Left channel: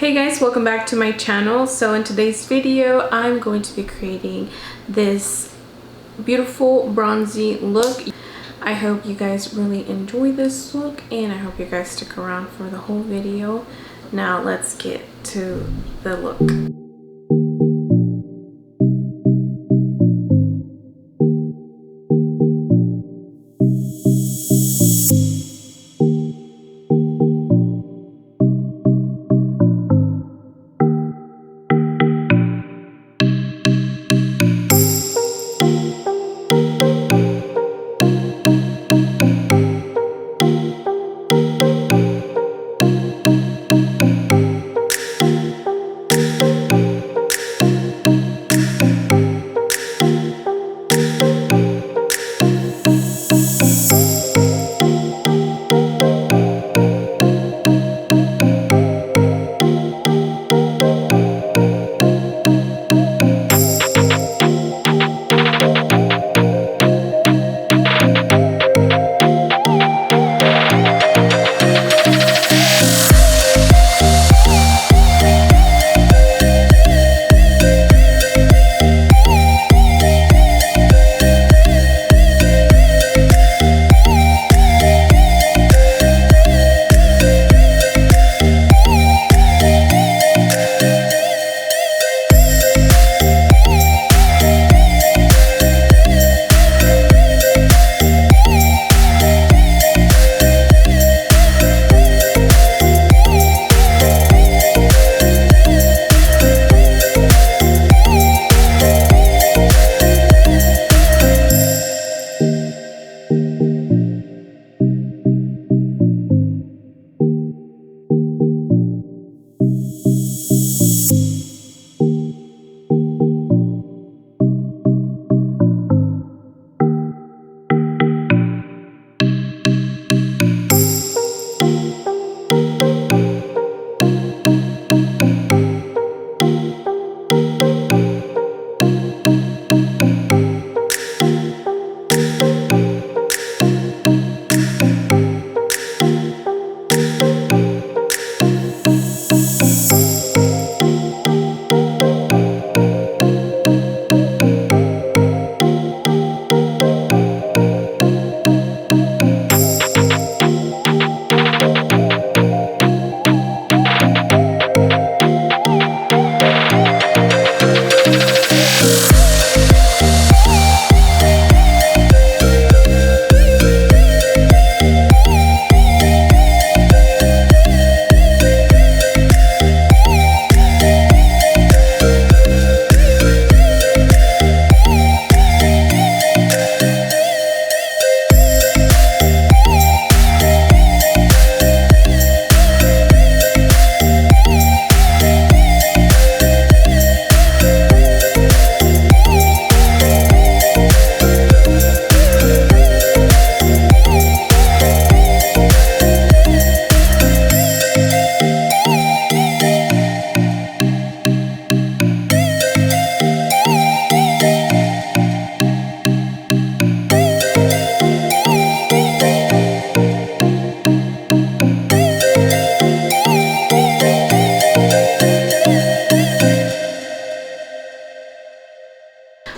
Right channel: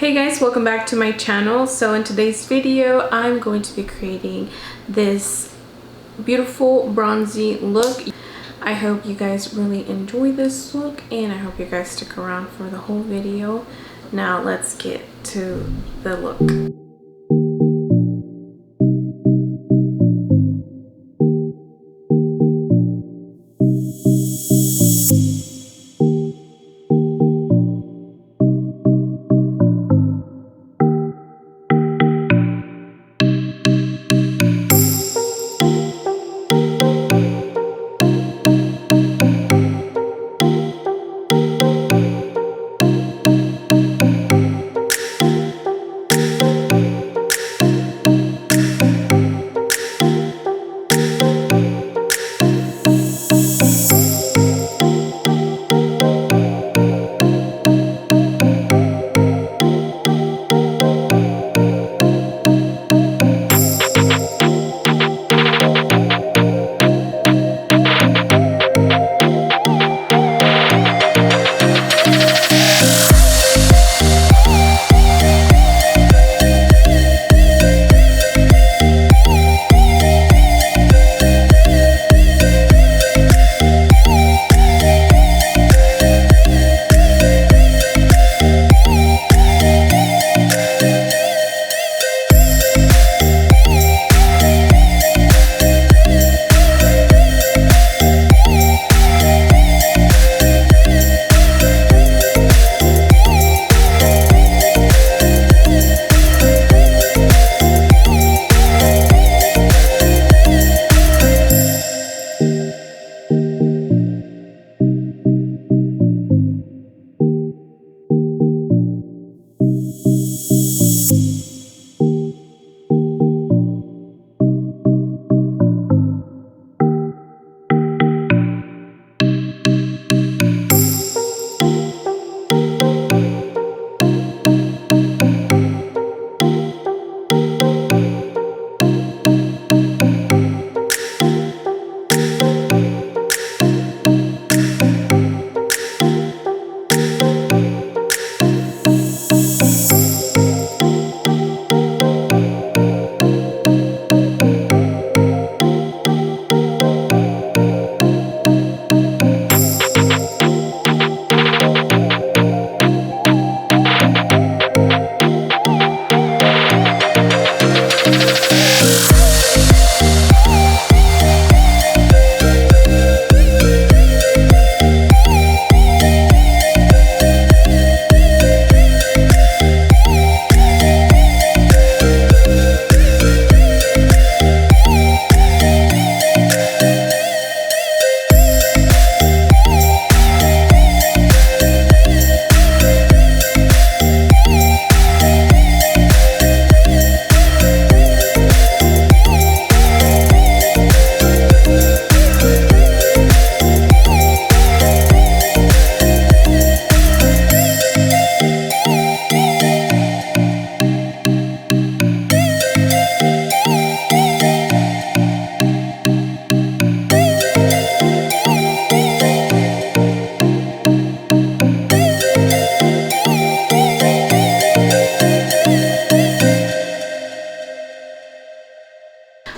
Hey guys, welcome back to my channel. So in today's video I'm going to be creating this beautiful bronzy look. I hope you guys really enjoy this look and I hope you guys stick around for the whole video. Now let's get to the look.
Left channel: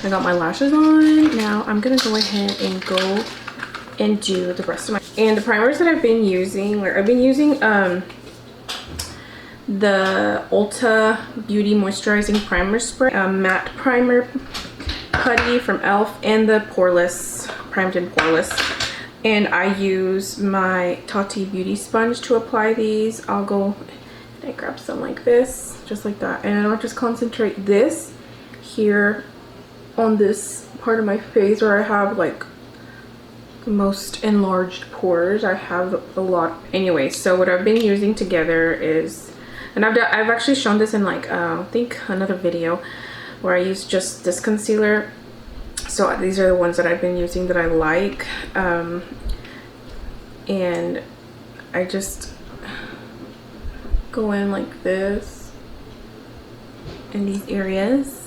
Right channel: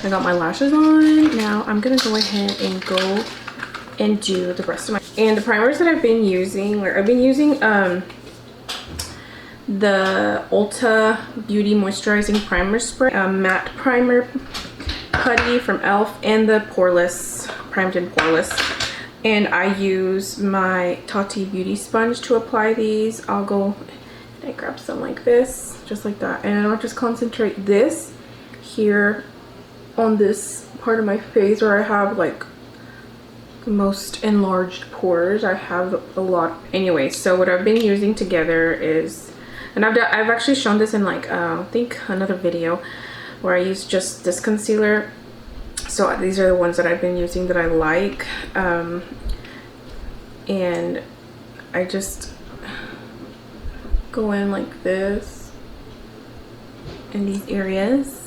I got my lashes on. Now I'm gonna go ahead and go and do the rest of my and the primers that I've been using. I've been using the Ulta Beauty Moisturizing Primer Spray, matte primer putty from e.l.f. and the Poreless Primed and Poreless. And I use my Tati Beauty sponge to apply these. I'll go and grab some like this, just like that, and I'll just concentrate this here on this part of my face where I have like the most enlarged pores. I have a lot. Anyway, so what I've been using together is, and I've actually shown this in like I think another video where I use just this concealer. So these are the ones that I've been using that I like, and I just go in like this in these areas.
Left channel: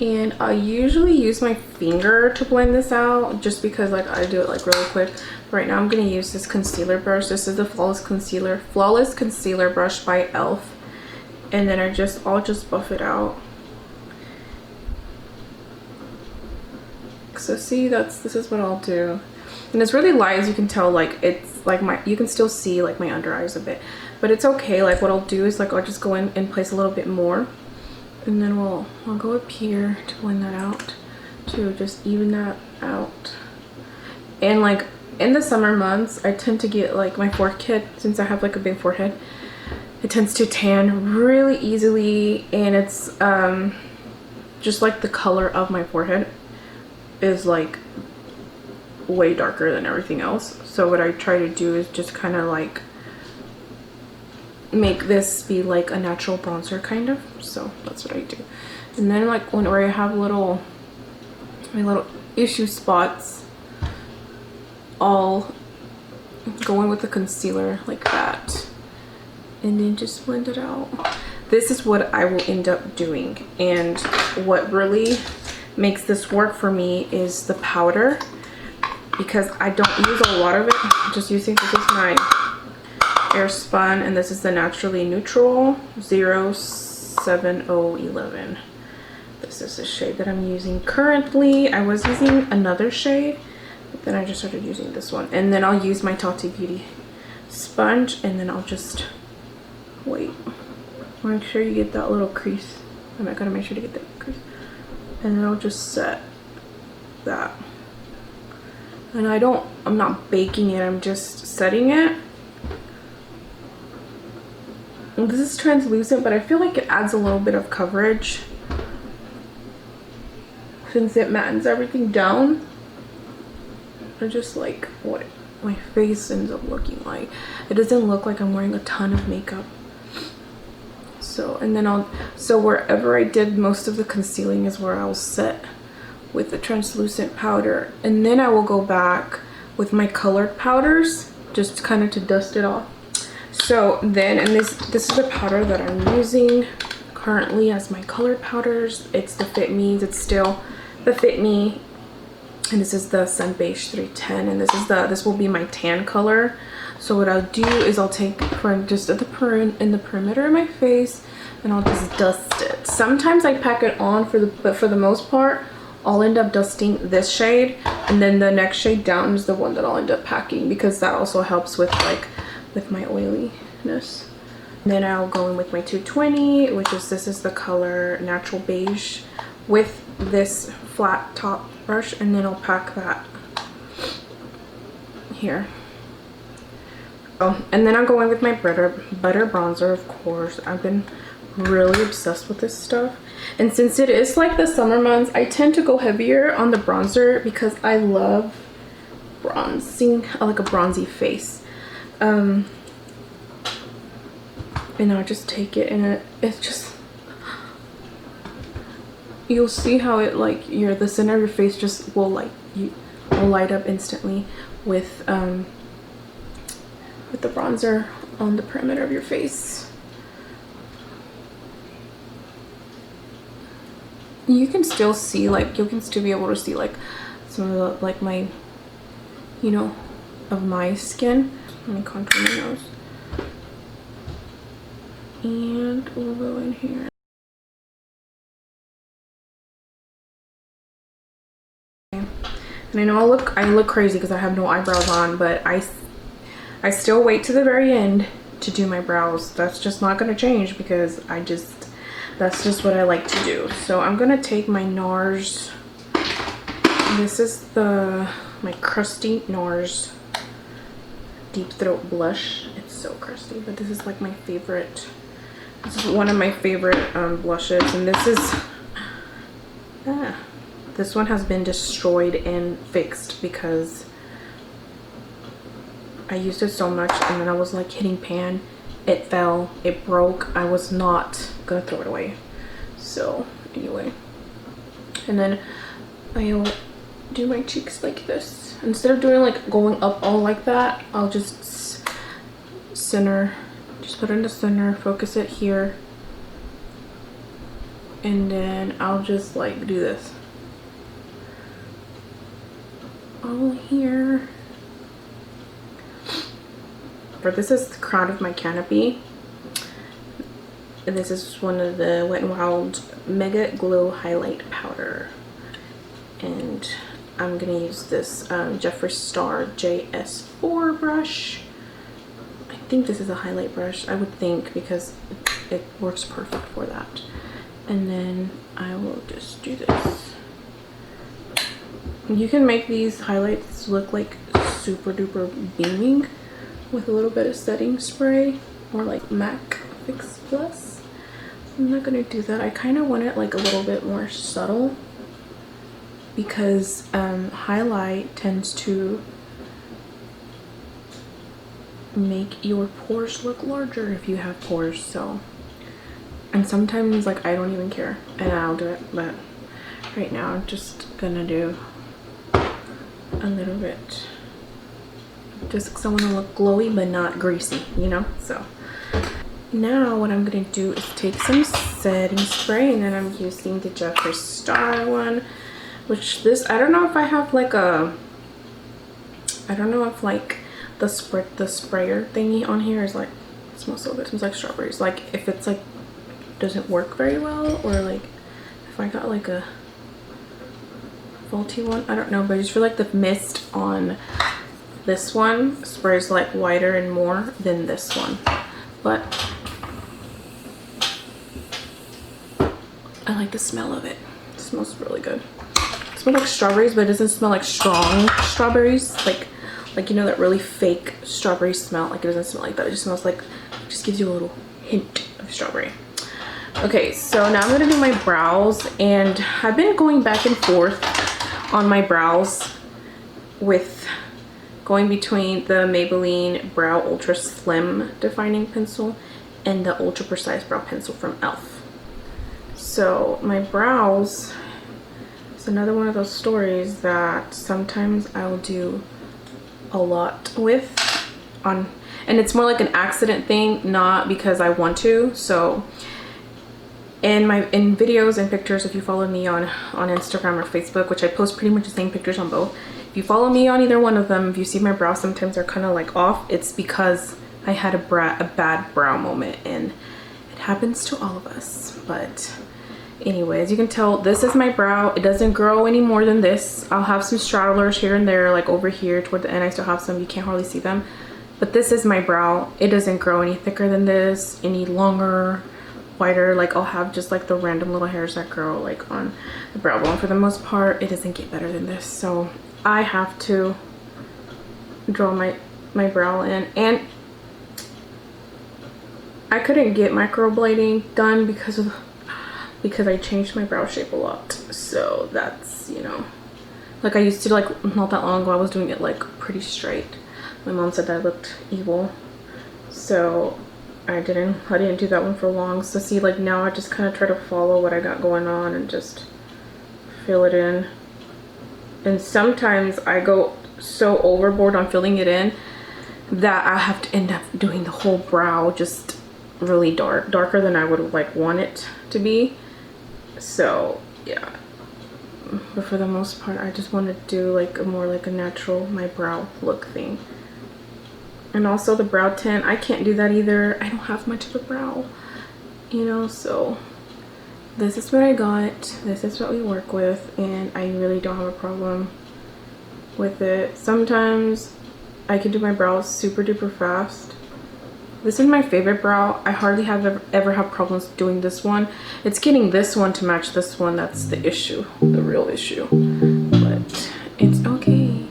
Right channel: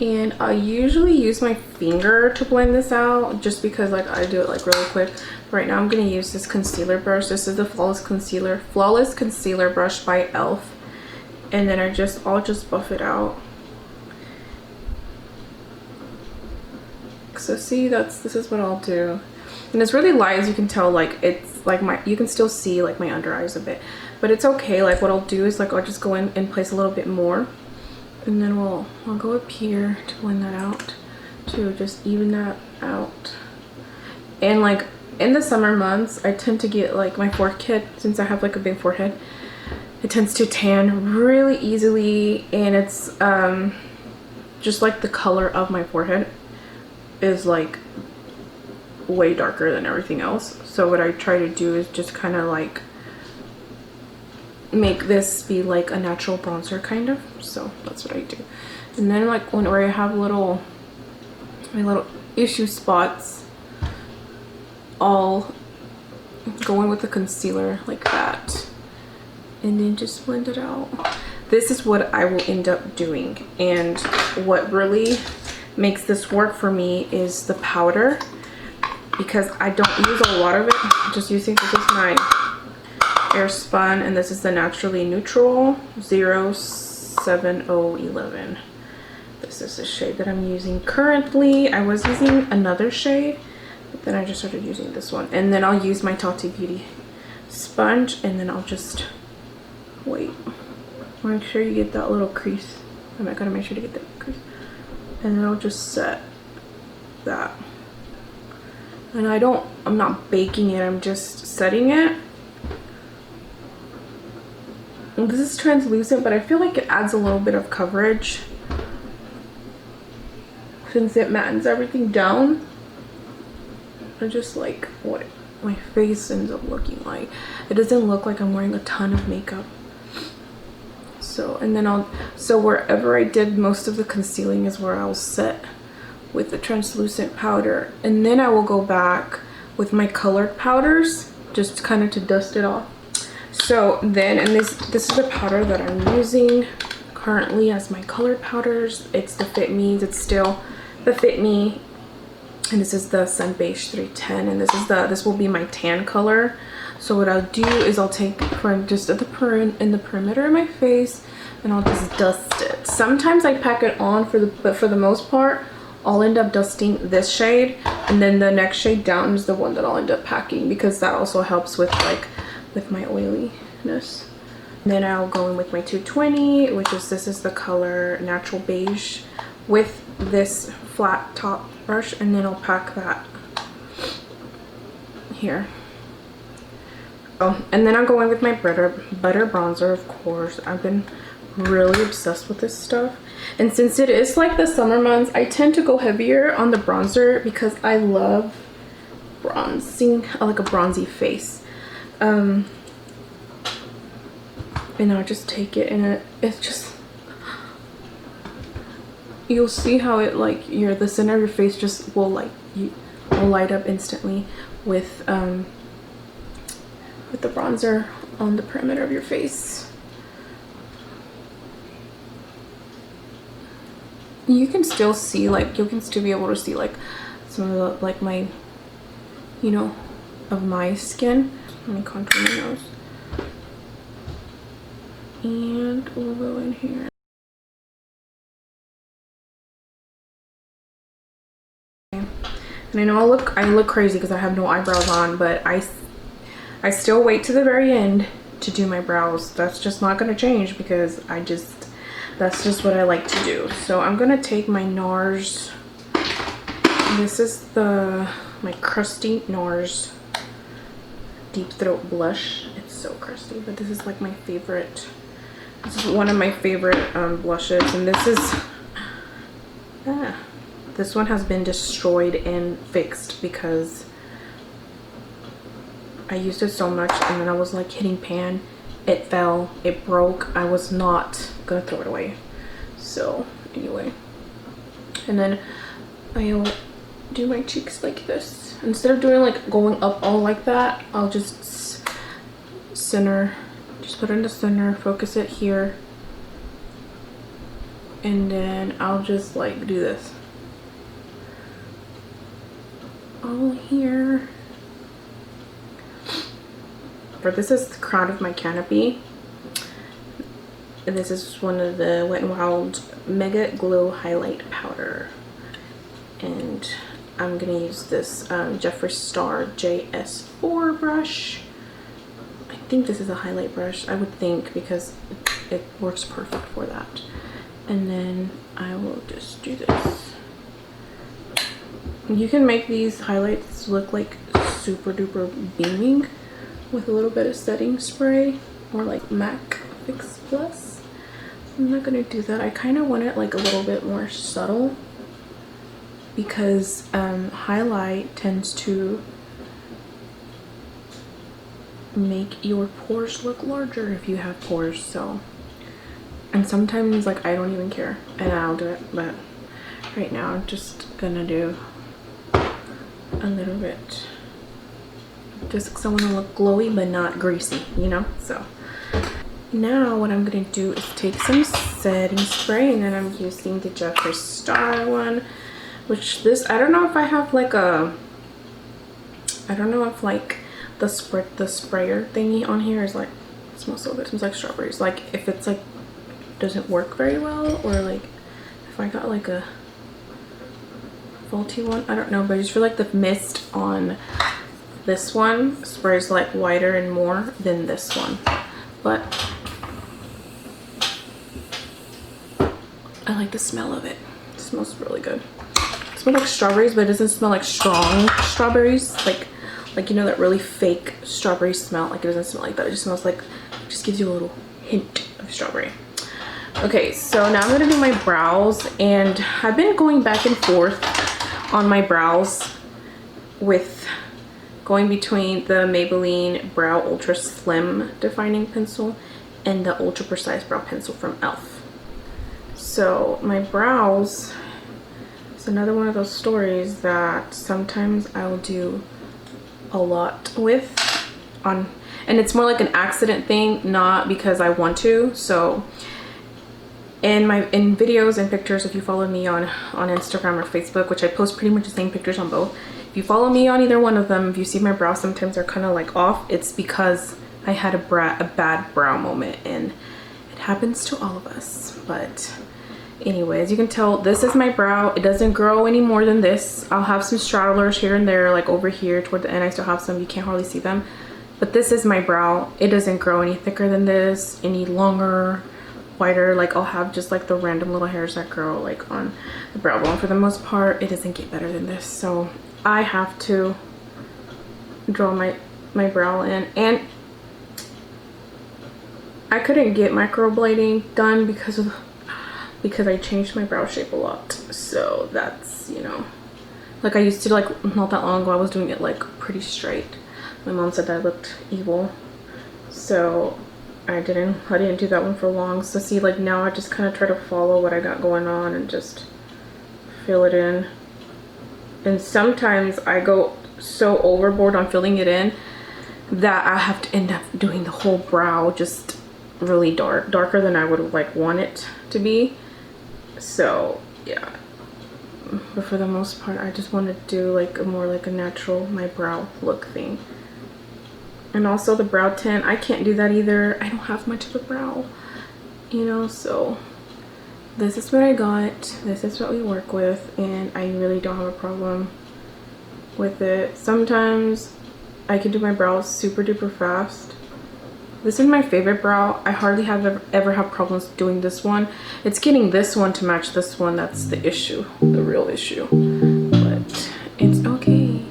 And I usually use my finger to blend this out just because like I do it like really quick. Right now I'm going to use this concealer brush. This is the Flawless Concealer Brush by e.l.f. and then I'll just buff it out. So see, this is what I'll do. And it's really light, as you can tell, like it's like you can still see like my under eyes a bit, but it's okay. Like what I'll do is like I'll just go in and place a little bit more, and then we'll go up here to blend that out, to just even that out. And like in the summer months, I tend to get like my forehead, since I have like a big forehead, it tends to tan really easily, and it's just like the color of my forehead is like way darker than everything else. So what I try to do is just kind of like make this be like a natural bronzer kind of. So that's what I do. And then like whenever I have my little issue spots, I'll go in with the concealer like that and then just blend it out. This is what I will end up doing, and what really makes this work for me is the powder, because I don't use a lot of it. I'm just using, this is my Airspun, and this is the Naturally Neutral 07011. This is the shade that I'm using currently. I was using another shade, but then I just started using this one. And then I'll use my Tati Beauty sponge, and then I'll just wait. Make sure you get that little crease. Oh my god, make sure to get that crease. And then I'll just set that. And I'm not baking it, I'm just setting it. And this is translucent, but I feel like it adds a little bit of coverage since it mattens everything down. I just like what my face ends up looking like. It doesn't look like I'm wearing a ton of makeup. So, and then so wherever I did most of the concealing is where I'll set with the translucent powder. And then I will go back with my colored powders, just kind of to dust it off. So then, and this is the powder that I'm using currently as my colored powders. It's the Fit Me's, it's still the Fit Me. And this is the Sun Beige 310, and this will be my tan color. So what I'll do is I'll take for just in the perimeter of my face, and I'll just dust it. Sometimes I pack it on but for the most part, I'll end up dusting this shade, and then the next shade down is the one that I'll end up packing, because that also helps with my oiliness. And then I'll go in with my 220, which is this is the color Natural Beige, with this flat top brush, and then I'll pack that here. Oh, and then I'll go in with my butter bronzer, of course. I've been really obsessed with this stuff. And since it is like the summer months, I tend to go heavier on the bronzer because I love bronzing. I like a bronzy face. And then I just take it, and it just, you'll see how it like the center of your face just will light up instantly with the bronzer on the perimeter of your face. You can still see, you can still be able to see some of the, my, of my skin. Let me contour my nose. And we'll go in here. And I know I look crazy because I have no eyebrows on, but I still wait to the very end to do my brows. That's just not gonna change because that's just what I like to do. So I'm gonna take my NARS. This is my crusty NARS Deep Throat Blush. It's so crusty, but this is my favorite. This is one of my favorite blushes, and this one has been destroyed and fixed because I used it so much, and then I was hitting pan. It fell, it broke. I was not gonna throw it away. So anyway, and then I'll do my cheeks like this. Instead of doing going up all like that, I'll just center. Just put it in the center, focus it here, and then I'll just do this over here. But this is the crown of my canopy. this is one of the Wet n Wild Mega Glow Highlight Powder. And I'm gonna use this Jeffree Star JS4 brush. I think this is a highlight brush, I would think, because it works perfect for that. And then I will just do this. You can make these highlights look like super duper beaming with a little bit of setting spray or like MAC Fix Plus. I'm not gonna do that. I kind of want it like a little bit more subtle because highlight tends to make your pores look larger if you have pores. So, and sometimes like I don't even care and I'll do it, but right now I'm just gonna do a little bit just because I want to look glowy but not greasy, you know. So now what I'm gonna do is take some setting spray, and I'm using the Jeffree Star one, which this, I don't know if I have like a, I don't know if like the sprayer thingy on here is like, it smells so good. It smells like strawberries. Like if it's like doesn't work very well, or like if I got like a faulty one, I don't know, but I just feel like the mist on this one sprays like lighter and more than this one. But I like the smell of it. It smells really good. It smells like strawberries, but it doesn't smell like strong strawberries. Like you know that really fake strawberry smell. Like it doesn't smell like that. It just smells like, just gives you a little hint of strawberry. Okay, so now I'm gonna do my brows, and I've been going back and forth on my brows with going between the Maybelline Brow Ultra Slim Defining Pencil and the Ultra Precise Brow Pencil from e.l.f. So my brows is another one of those stories that sometimes I'll do a lot with on, and it's more like an accident thing, not because I want to. So in videos and pictures, if you follow me on Instagram or Facebook, which I post pretty much the same pictures on both, if you follow me on either one of them, if you see my brows sometimes are kind of like off, it's because I had a bad brow moment, and it happens to all of us. But anyways, you can tell this is my brow. It doesn't grow any more than this. I'll have some stragglers here and there, like over here toward the end. I still have some, you can't hardly see them, but this is my brow. It doesn't grow any thicker than this, any longer, wider. Like I'll have just like the random little hairs that grow like on the brow bone. For the most part, it doesn't get better than this. So I have to draw my brow in, and I couldn't get microblading done because I changed my brow shape a lot. So that's, you know, like I used to, like not that long ago I was doing it like pretty straight. My mom said I looked evil, so I didn't do that one for long. So see, like now I just kind of try to follow what I got going on and just fill it in. And sometimes I go so overboard on filling it in that I have to end up doing the whole brow just really darker than I would like want it to be. So yeah, but for the most part I just want to do like a more like a natural my brow look thing. And also the brow tint, I can't do that either. I don't have much of a brow, you know. So this is what I got. This is what we work with, and I really don't know with it. Sometimes I can do my brows super duper fast. This is my favorite brow. I hardly ever have problems doing this one. It's getting this one to match this one that's the issue, the real issue. But it's okay.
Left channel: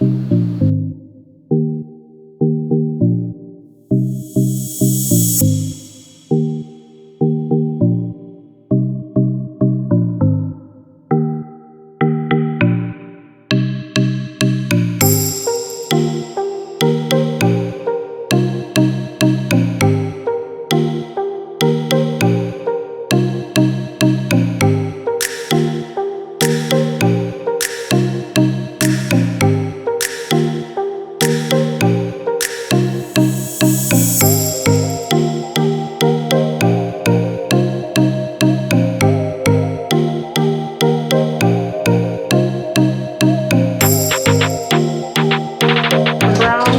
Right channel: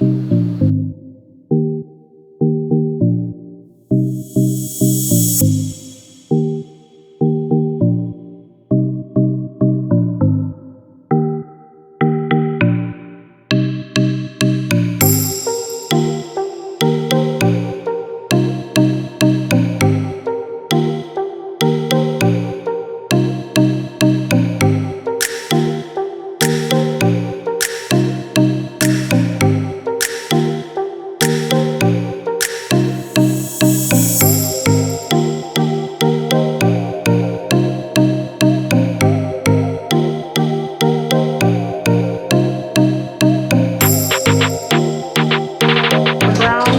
Brown,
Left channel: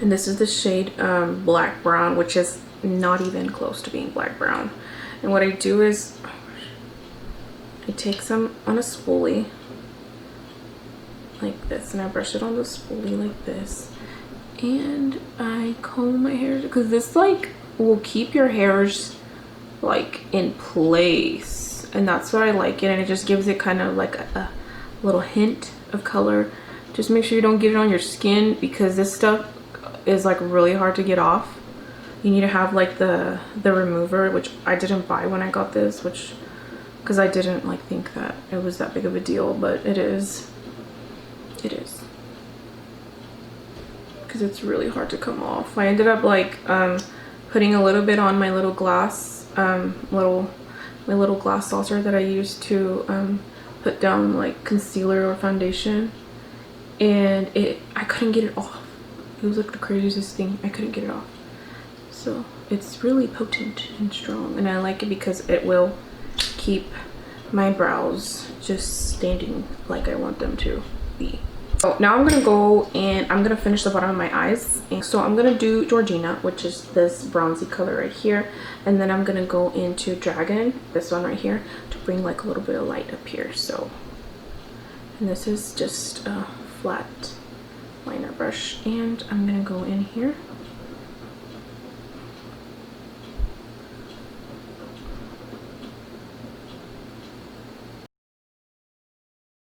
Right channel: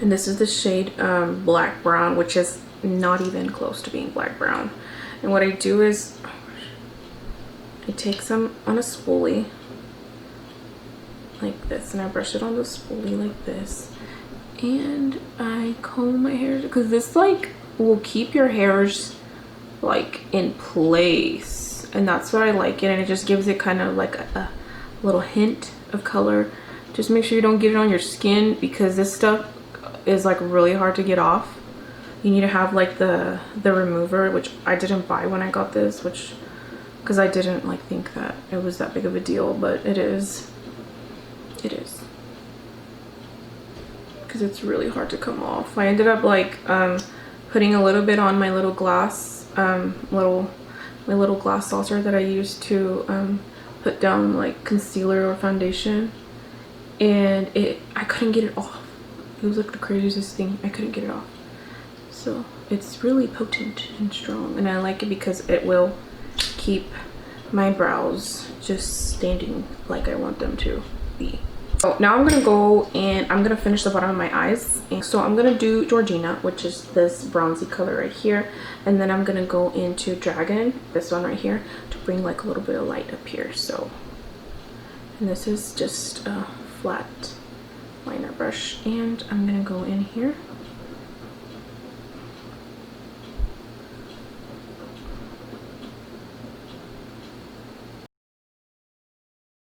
and this is the shade black brown, which is not even close to being black brown. And what I do is I take some on a spoolie like this, and I brush it on the spoolie like this, and I comb my hair because this like will keep your hairs like in place, and that's what I like it. And it just gives it kind of like a little hint of color. Just make sure you don't get it on your skin, because this stuff is like really hard to get off. You need to have like the remover, which I didn't buy when I got this, which because I didn't like think that it was that big of a deal, but it is. It is, because it's really hard to come off. I ended up like putting a little bit on my little glass my little glass saucer that I use to put down like concealer or foundation, and I couldn't get it off. It was like the craziest thing. I couldn't get it off. So it's really potent and strong, and I like it because it will keep my brows just standing like I want them to be. So now I'm gonna go and I'm gonna finish the bottom of my eyes. And so I'm gonna do Georgina, which is this bronzy color right here, and then I'm gonna go into Dragon, this one right here, to bring like a little bit of light up here. So, and this is just a flat liner brush, and I'm gonna go in here.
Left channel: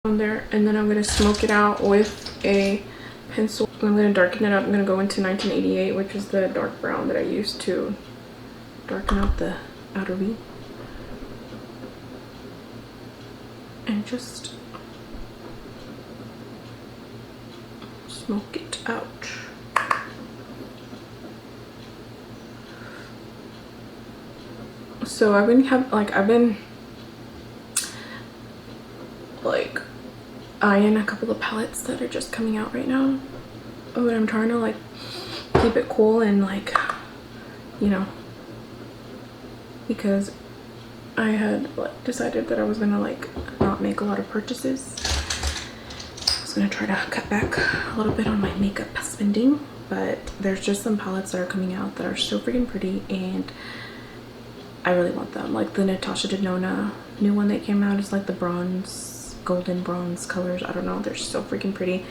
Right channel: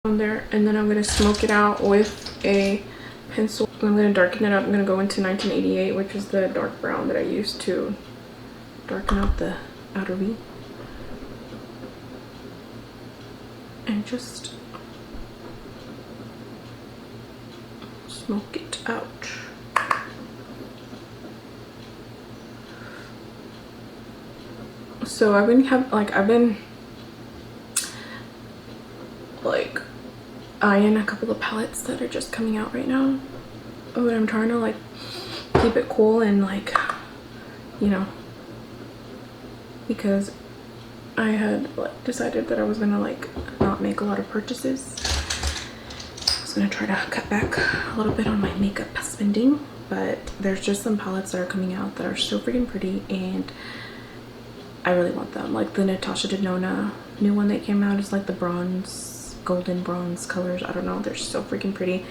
On there, and then I'm gonna smoke it out with a pencil. I'm gonna darken it up. I'm gonna go into 1988, which is the dark brown that I used to darken up the outer V, and just smoke it out. So I've been eyeing a couple of palettes that are just coming out right now, but I'm trying to like keep it cool and like, you know, because I had like decided that I was gonna like not make a lot of purchases, so I'm gonna try to cut back a little bit on my makeup spending. But there's just some palettes that are coming out that are so freaking pretty, and I really want them. Like the Natasha Denona new one that came out is like the bronze, golden bronze colors. I don't know, they're so freaking pretty.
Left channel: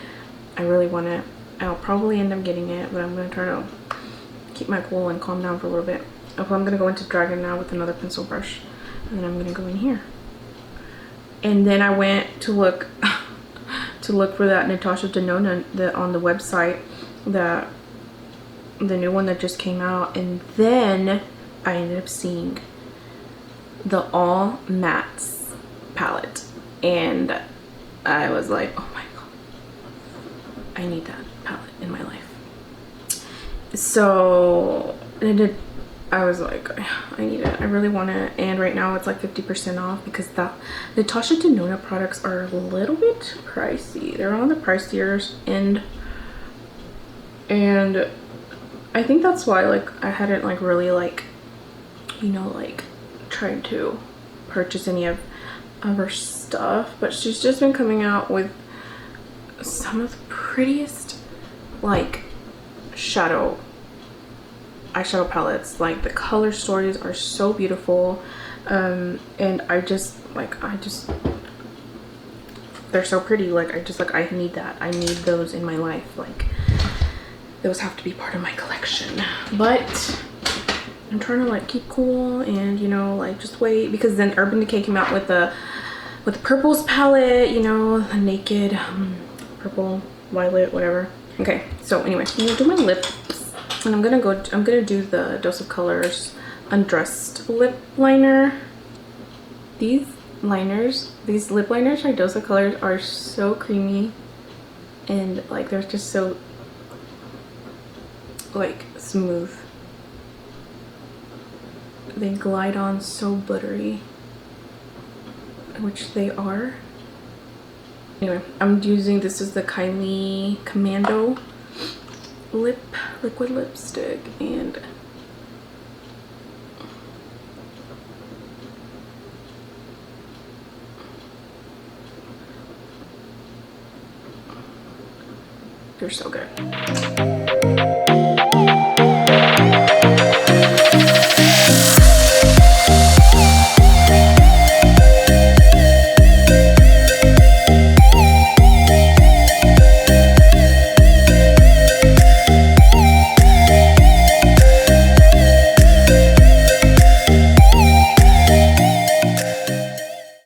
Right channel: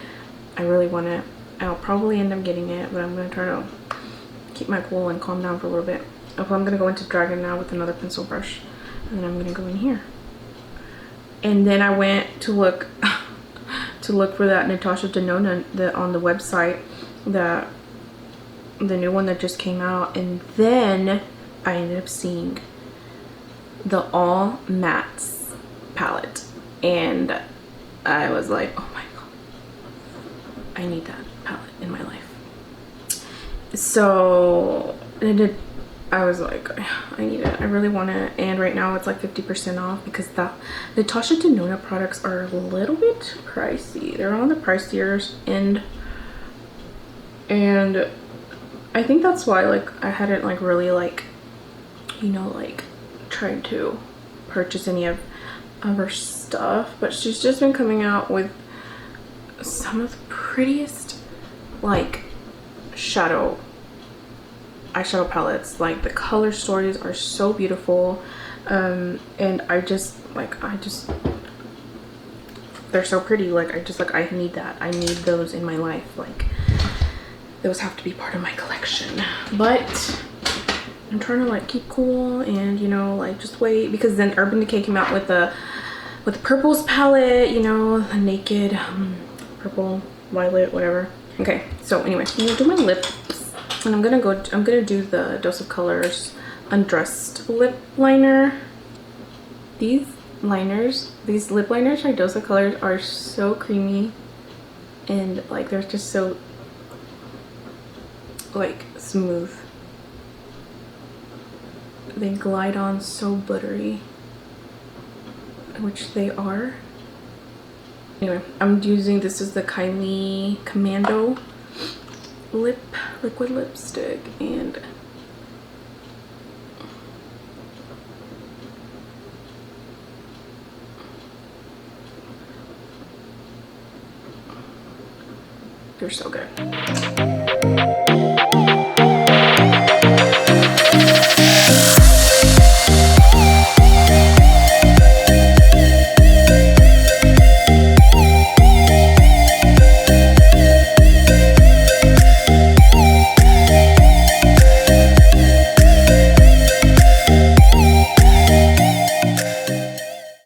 I really want it. I'll probably end up getting it, but I'm gonna try to keep my cool and calm down for a little bit. Okay, I'm gonna go into Dragon now with another pencil brush, and I'm gonna go in here. And then I went to look for that Natasha Denona on the website, the new one that just came out, and then I ended up seeing the All Mattes palette, and I was like, oh my god, I need that palette in my life. So I was like, I need it. I really want it, and right now it's like 50% off because the Natasha Denona products are a little bit pricey. They're on the pricier end, and I think that's why like I hadn't like really like, you know, like trying to purchase any of her stuff. But she's just been coming out with the prettiest like eyeshadow palettes. Like the color stories are so beautiful, and they're so pretty. Like I need that. I need those in my life. Like those have to be part of my collection. But I'm trying to like keep cool and, you know, like just wait, because then Urban Decay came out with the purples palette, you know, the naked purple, violet, whatever. Okay, so anyway, I'm gonna do my lip, and I'm gonna do the Dose of Colors Undressed lip liner. These lip liners by Dose of Colors are so creamy, and like they're just so like smooth. They glide on so buttery, which they are. Anyway, I'm using, this is the Kylie Commando liquid lipstick, and they're so good.